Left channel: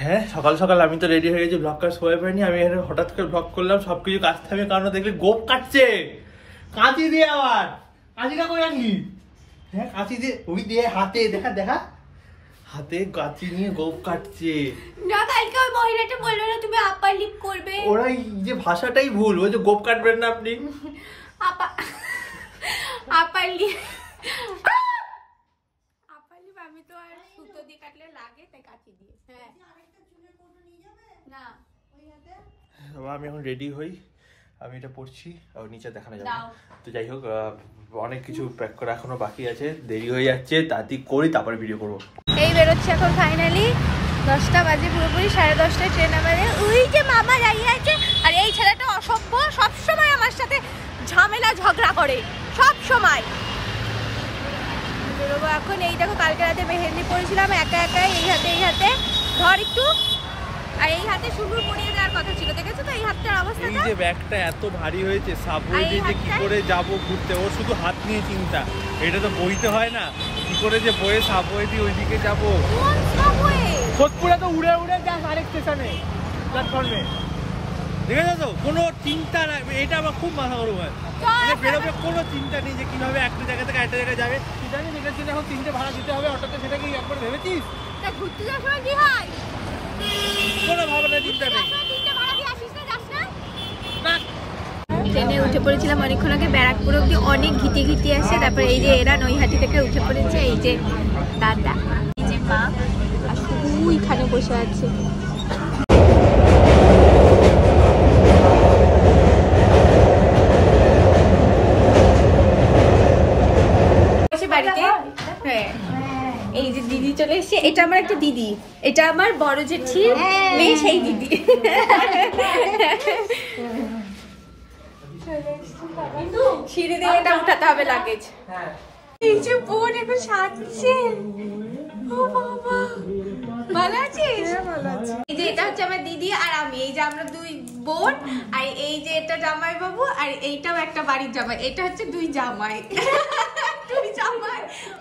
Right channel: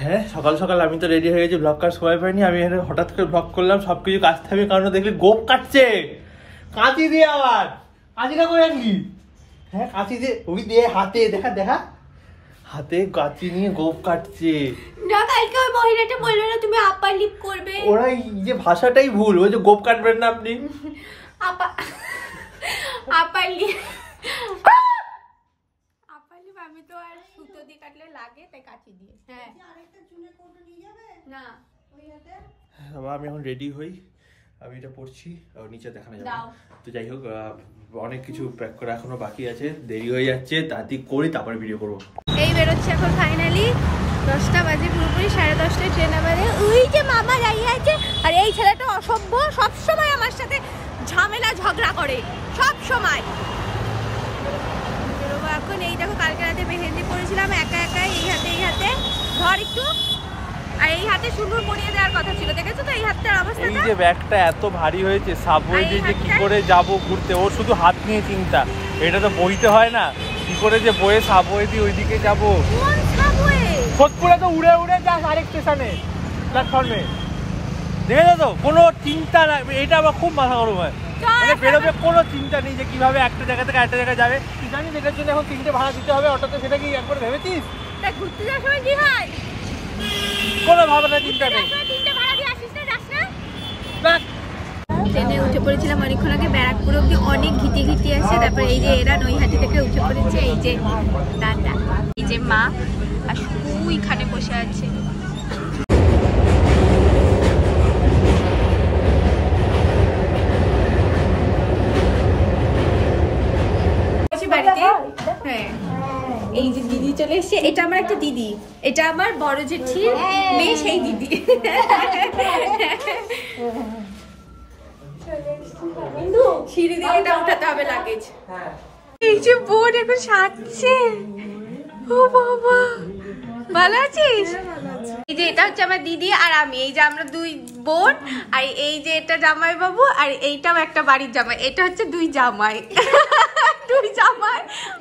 হ্যাঁ সকাল সকাল আমি তো রেডি হয়ে গেছি, ব্লগ কাজ সময় পাইনি। আমি এখানে হঠাৎ করে ব্লগ করলাম, সবকিছু কাজ থাকবে কারণ দেখলে গোপ কাটছে কাঁচি দিয়ে। আবার কাঁচিটা করে রাখলি? হ্যাঁ কাঁচি দিয়ে, ওই দিয়ে হাতে দেখা দেখা হাতে কাঁচি নিয়ে গোপ কাটছে। না কালকে ওই মহিলাটা বললো না তুমি আপার লিপ করবে, ওরা যে ভাষাটাই ভুল, ওই যে গোপ কাটবেন না আপনি আপার লিপ আমি তো আর সুতো দিয়ে কাটলে লাগে তাই কাঁচি দিয়ে। হ্যাঁ না আমি এখন রেডি হই, আমি এটা পড়ছি নিচে দেখানো যাবে। তো যাই হোক অনেক কিছু প্যাক করা এখনো বাকি আছে, দেরি হয়ে যাচ্ছে, তাড়াতাড়ি করি তারপরে ভিডিও করবো। এই বেরোচ্ছে এখন ফাইনালি 10টা বাজে, পুরোপুরি 10:30টায় ট্রেন আমাদের। ওই যে মামা দাঁড়িয়ে আছে, আর এই ছেলেটা অসভ্য, সবসময় আমার সাথে ঝামেলা ঝগড়া করে সব সময়। বেরোবো এখন। এই দেখো কালকে রাতে মেহেন্দি পরেছিলাম একা একাই, এই হাতে ধর একটু, আর এই হাতে সুন্দর পরিয়ে দেওয়ার কথা ছিল, দেখেছো তো এই হাতটার অবস্থা। এই যে ব্যাগটা এত ভারী হয়েছে, সাবওয়ে দিয়ে যে কি করে যাব ঘুরতে, ও শুধু হাত নিয়ে চিন্তা। এটা তো বইতে হয় না, কি করে যে বয়ে সাবওয়ে দিয়ে ওইদিকে যাবো। সোদপুরে তো উড়ে উড়ে যাস আরেক স্টেশনে প্ল্যাটফর্মে, দেখেছো তো, কোনো চিন্তা নাই। এটা আমার খুব মাথা গরম হয়, মানে বেরোবে কোনো চিন্তা নেই যে কিভাবে একটা জায়গা থেকে একটা জায়গায় যাবে। তুই জানিস এটার জন্য এখন 3টে ভাড়া দিতে হবে অটোতে, সেটা কি একবার ভেবেছিস? ঘুরতে যাওয়ার সময় কি হয়, কোনো ভাবনা চিন্তা নেই। ট্রেনে উঠে পড়েছিলাম অনেকক্ষণ আগে, ব্যারাকপুর অব্দি অনেক ঘিটে আসছে। তারপরে এই যে এরা নৈহাটি থেকে উঠে পড়েছে, এই যে দাদা, এই যে মা, আর ওইখানে বসে আছে। বাড়িতে হ্যাঁ এই যে দিদি চলে এসছে, এটা আমার একটা দিদি, এটা আমার বড় জেঠির মেয়ে, সেই দিদি। সিঁড়ি দিয়ে এটা উঠাতে হবে লাগেজ। এই যে বোন এখন সাজছে, ও বাবা ভালো আছিস? এই যে এটা হচ্ছে আমার দিদি আর আমি, এই যে আমরা দুই বোন, আর এই যে এটা জামাই বাবু, আর এইটাও একটা বাড়ির জামাই। এটা হচ্ছে দুই জামাই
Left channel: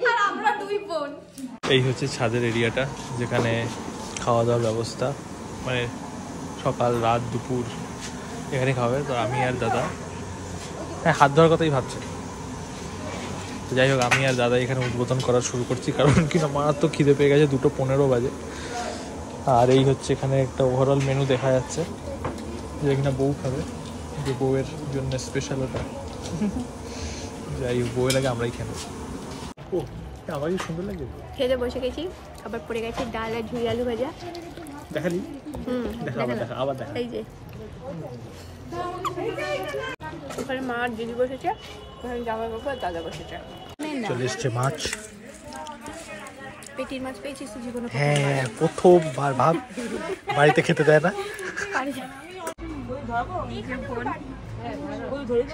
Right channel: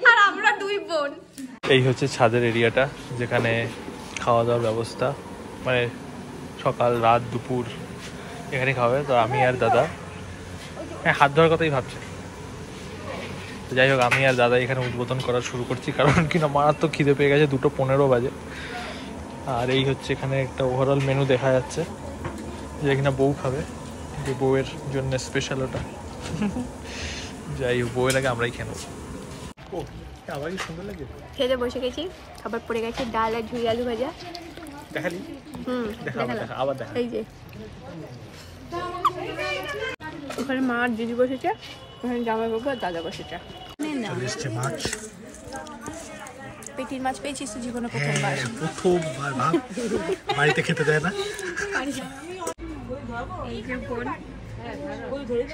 আর আমরা দুই বোন। এই হচ্ছে ছাদের এরিয়াটা, যেখানে খাওয়া দাওয়ার ব্যবস্থা, মানে সকাল রাত দুপুর এখানে খাওয়া। তো আমি আর দাদা, হ্যাঁ হাত ধরার কথাই ভাবছে। তো যাই হোক আমি আর দাদা এখানে উদ্বোধন করা শুরু করছি, কারণ কিনা মারাত্মক খিদে পেয়ে গেছে, 2:15 বাজে। আর এই হচ্ছে এখানে একটা ওভারঅল মেনু দেখা যাচ্ছে, যে কিনা বউ খাবে, যে বউয়ের জন্য স্পেশাল ওটা। যাই হোক বউয়ের আগে আমরাই খেয়ে নেবো। ও আবার কি সুন্দর লাগে, খেতে বসে গেছি, খাবার পড়ে গেছে, ডাল আর ঝুড়ি আলু ভাজা। দেখালি? দেখা আবার দেখা। এই যে ওখানে মা আর দিদি বসেছে, ওখানে জামাই বাবু আর দাদা বসেছে। চলে এসছে মাছ, পেটির মাছ পেয়েছিস তো জীবনে প্রথমবার। ভাব বাড়িতে খেতে দেয় না।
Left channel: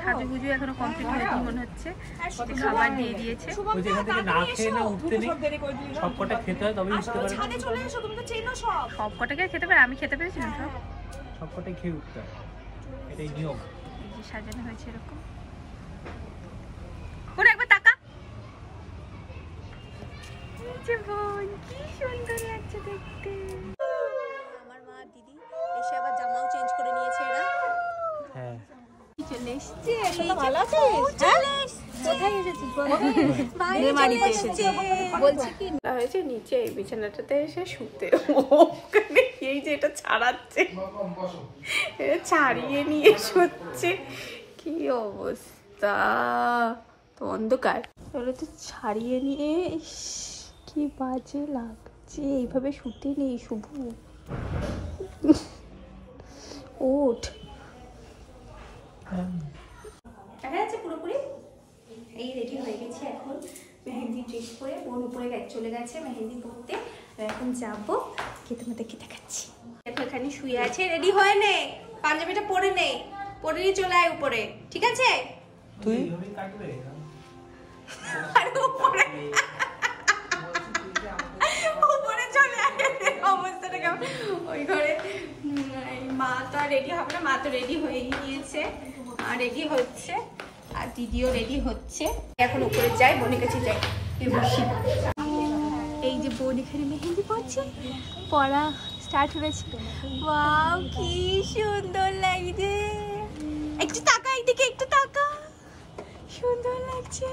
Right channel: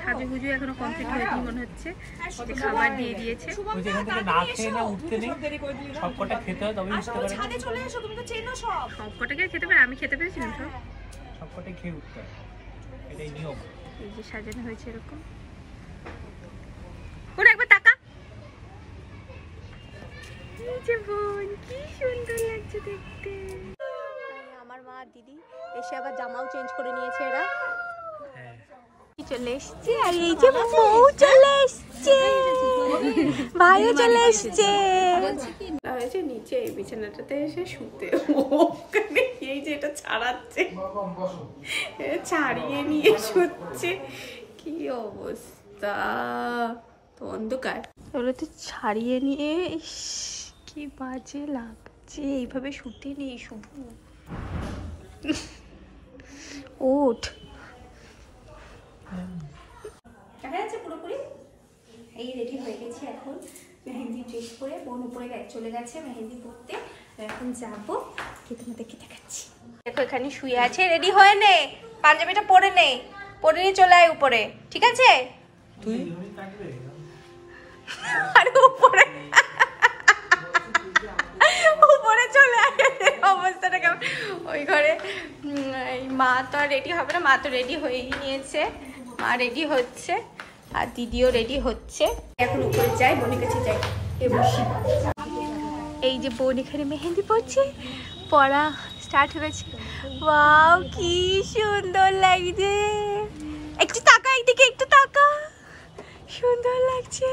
সাজুগুজু এখনো কমপ্লিট হয়নি মনে হচ্ছে, খাবার দিয়ে দিয়েছে। সবকটাকে খেতে পারে, আমি খেতে পেরেছিলাম সবকটাই খেয়ে উঠতে, এটাই নিয়ম। এই যে সাজানো হয়েছে এরকম, ওরা একবার টাকা। এই যে বোন কি সুন্দর লাগছে দেখতে। আমার মা আর দিদি এসে আবার জামাও চেঞ্জ করে নিয়েছে এরা। হ্যাঁ চলে এসছে, আর এই যে বউ চলে এসছে, ভাইও চলে এসছে। হয়েছে নিচে এই বিছানাটাতে এসে শুতে, ওখানে এই যে এটা ছাড়াচ্ছে, ছাড়িয়ে নিয়ে শুচ্ছে। কি অবস্থা, অন্ধকার ওগুলো তো ছাড়িয়ে নিয়ে, কি বাজে লাগছে। এইভাবে শুতে নেই শুভ, ওঠ। দেখা যাচ্ছে পুরোপুরি। এই রেডি হয়ে গেছি এখন, মেহেন্দি ড্রেস পরে বোন উপরে চলে গেছে মেহেন্দি পরতে। এখন যাবো, কি তোমাদেরকে দেখাচ্ছি। দেখো এখানে শুয়ে আছে, রেডি হয়ে নে, পাঞ্জাবিটা পরে নে, পরে নিয়ে চলে আয় উপরে, ঠিক আছে? আর উপরে উপরে চলে আয়, অবস্থাটা কেমন। ওই ঘরে মা তো রেডি হবে না, মা তো রেডি হয়ে নিয়েছে, মা রেডি হচ্ছে, আর দিদিও রেডি হচ্ছে। এখন উপরে যাই, বোনের কাছে যাই, বসি। এই যে বোন এখানে মেহেন্দি পড়ছে, পড়া স্টার্ট হয়েছে। ওয়াও কি সুন্দর লাগছে, একটু তাকা এইদিকে, একটু তাকা, সুন্দর লাগছে।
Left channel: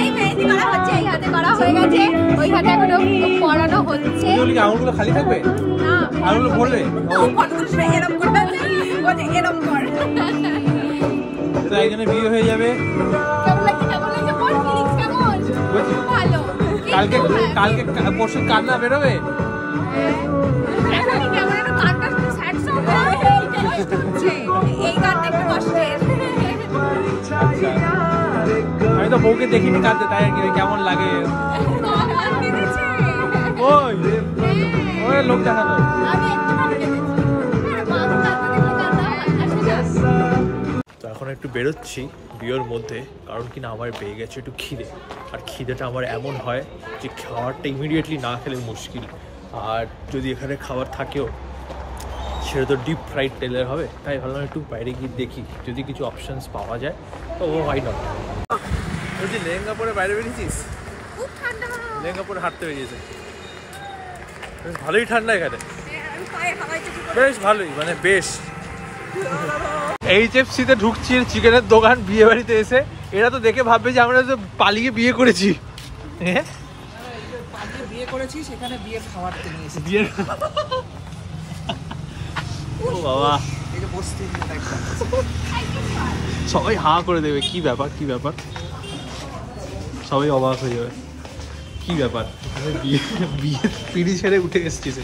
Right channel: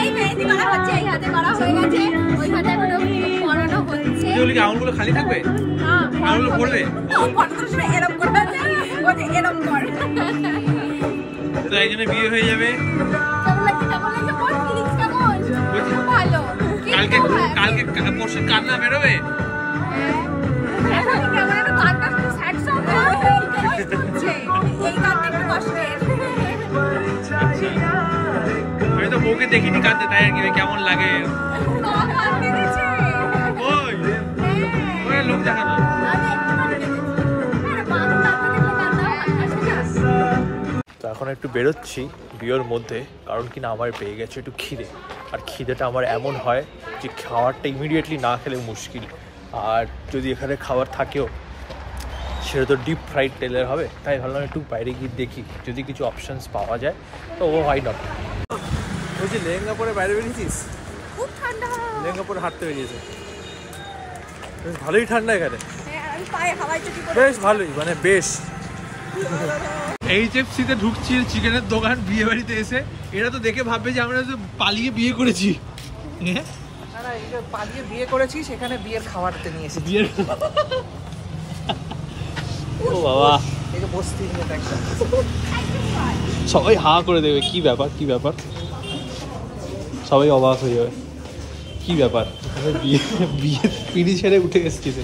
এই মেহেদি করা হচ্ছে, এই হাতে করা হয়ে গেছে, ওই হাতে এখনো পরানো হচ্ছে। আঙুলগুলো খালি থাকবে না, আঙুলগুলো পড়বে, ফটোগুলো সব এরকম করে ওই এরকম কর, তো একজনের বিয়ে হয়ে যাবে। কেমন লাগছে, কেমন লাগছে, বল ফিলিংস কেমন? খুব ভালো। কালকে পরশু কান্না বেরোবে। এখনই কেমন একটা গানটা স্যাড সং হচ্ছে, এই গানটা একটু কষ্টের। আচ্ছা, আমি তো বউকে দেখিনি কাঁদতে, তাই আর কি কেমন লাগে। ওই ওই লোক দেখানো। তো এখন একটু বেরোচ্ছি বিয়ের মধ্যে, কারণ কিনা আমার পেয়ে গেছে একটু খিদে, আর খিদেটা আমার এমন হয় যে খাবারটা ইমিডিয়েটলি না খেলে মুশকিল। আর যদি এখানে খাবার থাকেও সেটা তো ডিপ ফ্রাইড তেলের হবে, তাই ভাবলাম একটু বাইরে গিয়ে দেখি যদি কিছু অপশনস পাওয়া যায়, তো হোয়াই নট। ওই যে লেহেঙ্গা পরে বাইরে বেরিয়েছিস, খুব ঠান্ডা, লেহেঙ্গা পরে হাঁটতে বেরিয়েছে, বেশ ভালোই ঠান্ডা এখানে, আমি পায়ে হাওয়াই তো কি করে, বেশ ভালোই, মানে বেশ। HFC-তে ঢুকছি চিকেনের দোকান বিয়ে বাড়িতে এসে, এরা তো দেখে ভাববে যে আমরা তো পালিয়ে বিয়ে করেছি। পালিয়ে বিয়ে করেছি, সেখানে বিয়ের খাবারতে নিয়ে এসেছি। বিয়ের ও বাবা, এই যে বসতি সবাই হাঁ করে দেবে, কি ব্যাপার কি ব্যাপার, সবাই অবাক হয়ে যাবে, কি ব্যাপার বিয়ে বিয়ে পিড়ি ছেড়ে উঠে এসেছিস।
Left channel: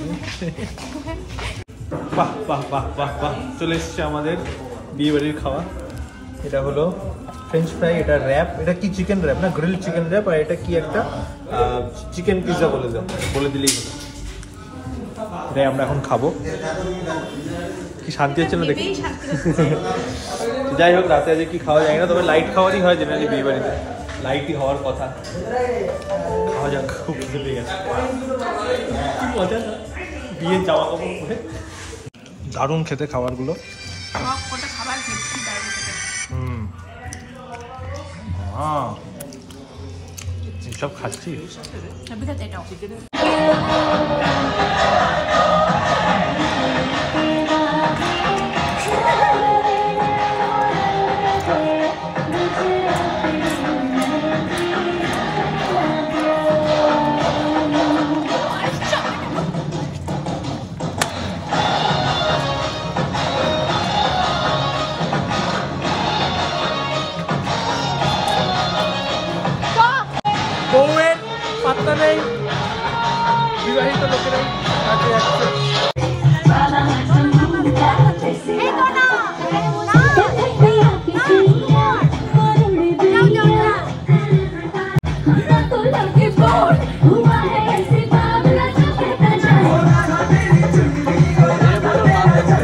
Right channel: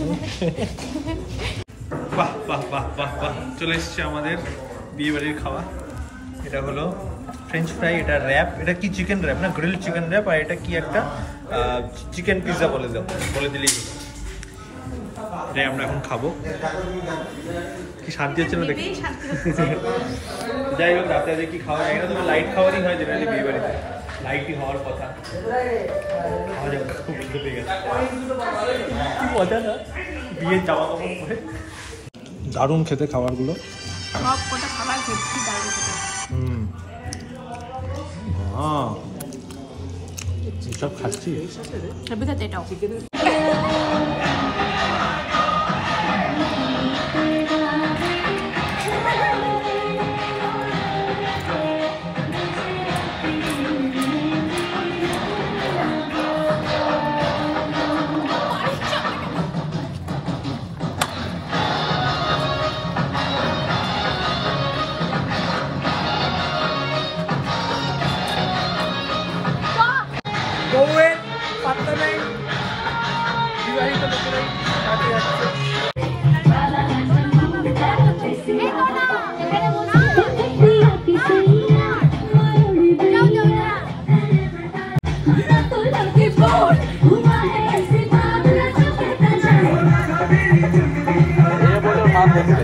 বাহ বাহ বাহ বাহ বাহ, চলে এসছে আমাদের বিয়ে বাড়ির খাওয়া। এটা হলো ফ্রেঞ্চ ফ্রাই, এটা র্যাপ, এটা কি চিকেন র্যাপ না, গ্রিল চিকেন র্যাপ, আর এটা কি একটা চিকেন পিৎজা বলে দিলেই হলো। এটাই আমরা এখন খাবো, কি শান্তি হচ্ছে না দেখি। যাই হোক, রাতে আজকে কি খাওয়া যায় না, তবে লাইট খাওয়ারই হয় জেনারেলি বিয়ে বাড়িতে, লাইটই হওয়ার কথা। খাওয়া যাক, খুব খিদে পেয়ে গেছে, কি মজা না বিয়ের জামা কাপড় পরে। দারুণ খেতে খাবারগুলো, সব কটা খাবার খেয়েছি, দারুণ খেতে। সব খাচ্ছি, সবই খেতে এটাও। বউয়ের পাত্তা নেই, বিবাহিত লোকেরাই কাছে যাচ্ছে।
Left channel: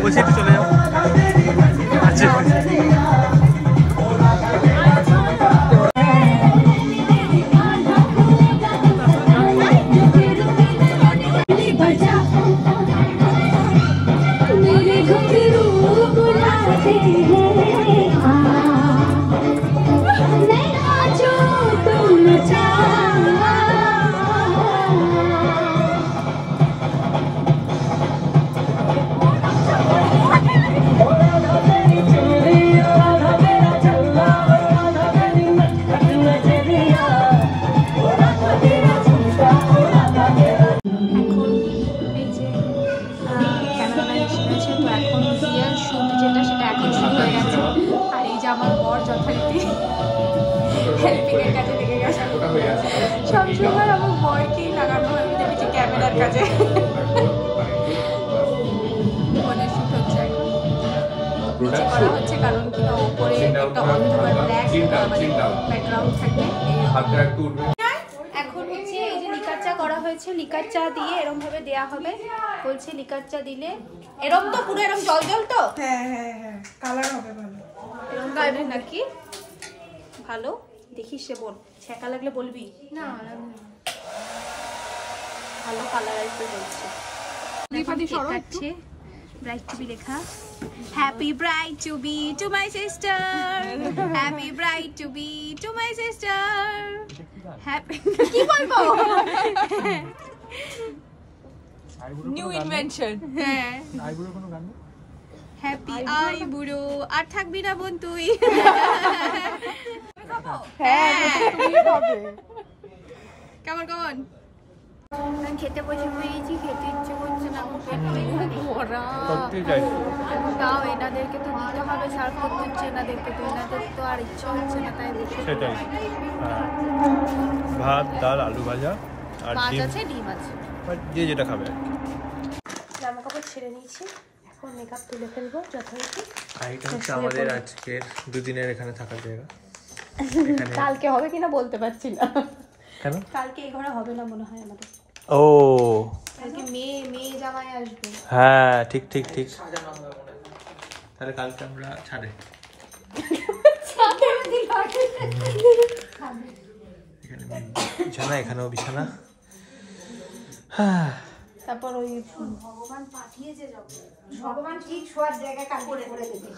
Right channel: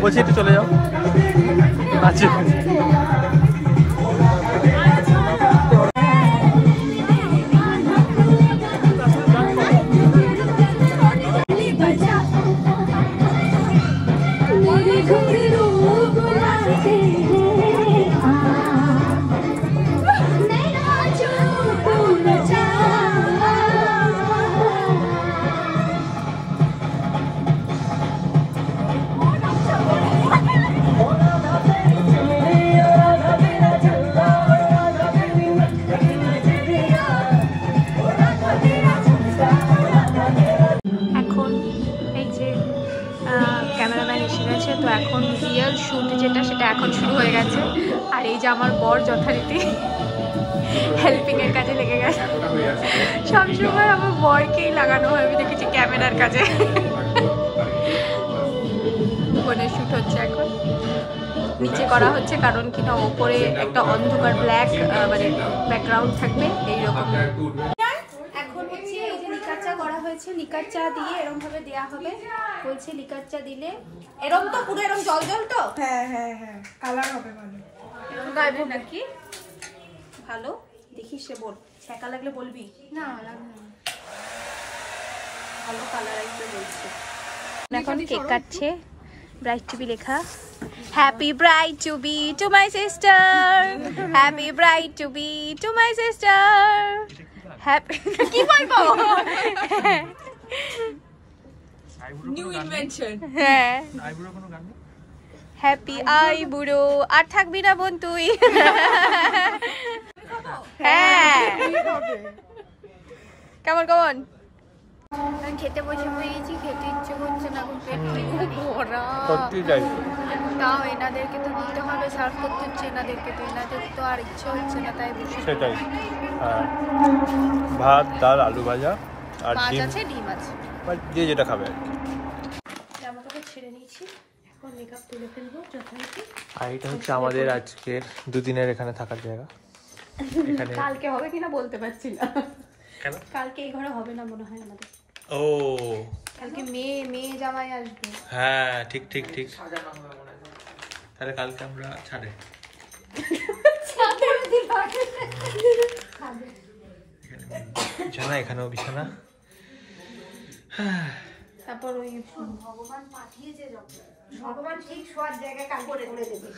বলছি একটু চলে যাও। আচ্ছা আমার বর যথারীতি হেল্পিং এর কাজে লেগে গেছে, সবসময় আমার বরকেই লাগানো হয়, আমি দেখেছি ক্যামেরার কাজে। ফোনে শুট হচ্ছে এখন, নিচে করা হচ্ছে, কারণ কিনা ওপরে একটা অন্ধকার ব্ল্যাক মানে ব্যাকগ্রাউন্ড থাকবে এইরকম। এখন হচ্ছে এই যে লিকার চা করা হয়েছে, লিকার চা দিয়ে এরকম ভাবে দেয়া হবে, বলছে লিকার চা দিলে এরকম তো পুরো এরকম জল জল তো, হ্যাঁ হ্যাঁ হ্যাঁ, কালার হবে ভালো, গাইবো নাকি ভালো দেখিস, সে বল ছ্যাঁকা লাগলে বলবি না, লাগবে না, ভালো কালার আসবে বলছে। এখন কেক কাটছে, ব্রাইড টু বি লেখা, happy bride to be to my sister, happy bride to be to my sister, happy কি বলবো নিউ ইনভেনশন। হ্যাঁ আইবুড়ো কোনো গান নেই? হ্যাপি আই বুড়ো আর থাকবি না বোন তুই হ্যাঁ কেমন কেমন আমি খেতে বসে পড়েছি, খেতে ইচ্ছে করছে না, এখন পেট ভরা। সত্যি তাই। তাও এনাদেরকে তো দিতে হবে, সার্ভ করতে হচ্ছে এনাদেরকে, তো এনাদের তো আর ইচ্ছে হচ্ছে না, তাই বসে সেটাই। হ্যাঁ, ভাত, ডাল, আলু ভাজা আর মাছ ডিম, আছে, ডিম আছে। বা যে যেটা খাবে আর কি। জামা কাপড় ছেড়ে নিয়েছি, এখন মেকআপ তুলে ফেলবো যথারীতি। আর এটা হচ্ছে আমাদের আজকের দুদিনের এখানে থাকার জায়গা। এখানে কালকে হবে কিনা বলতে পারছি না, কেন? কালকে এই ঘরে হবে না মনে হয় আমাদের, ও কালকে মেয়ে জামাই আসবে। হ্যাঁ, ঠিক ঠিক ঠিক। তাহলে কালকে আমরা ছাড়ে বিছানা, এখানেও বিছানা। হ্যাঁ, তারপর ওই ভগবান ঠিক শোয়ার জায়গায় কাজ করে দেবে।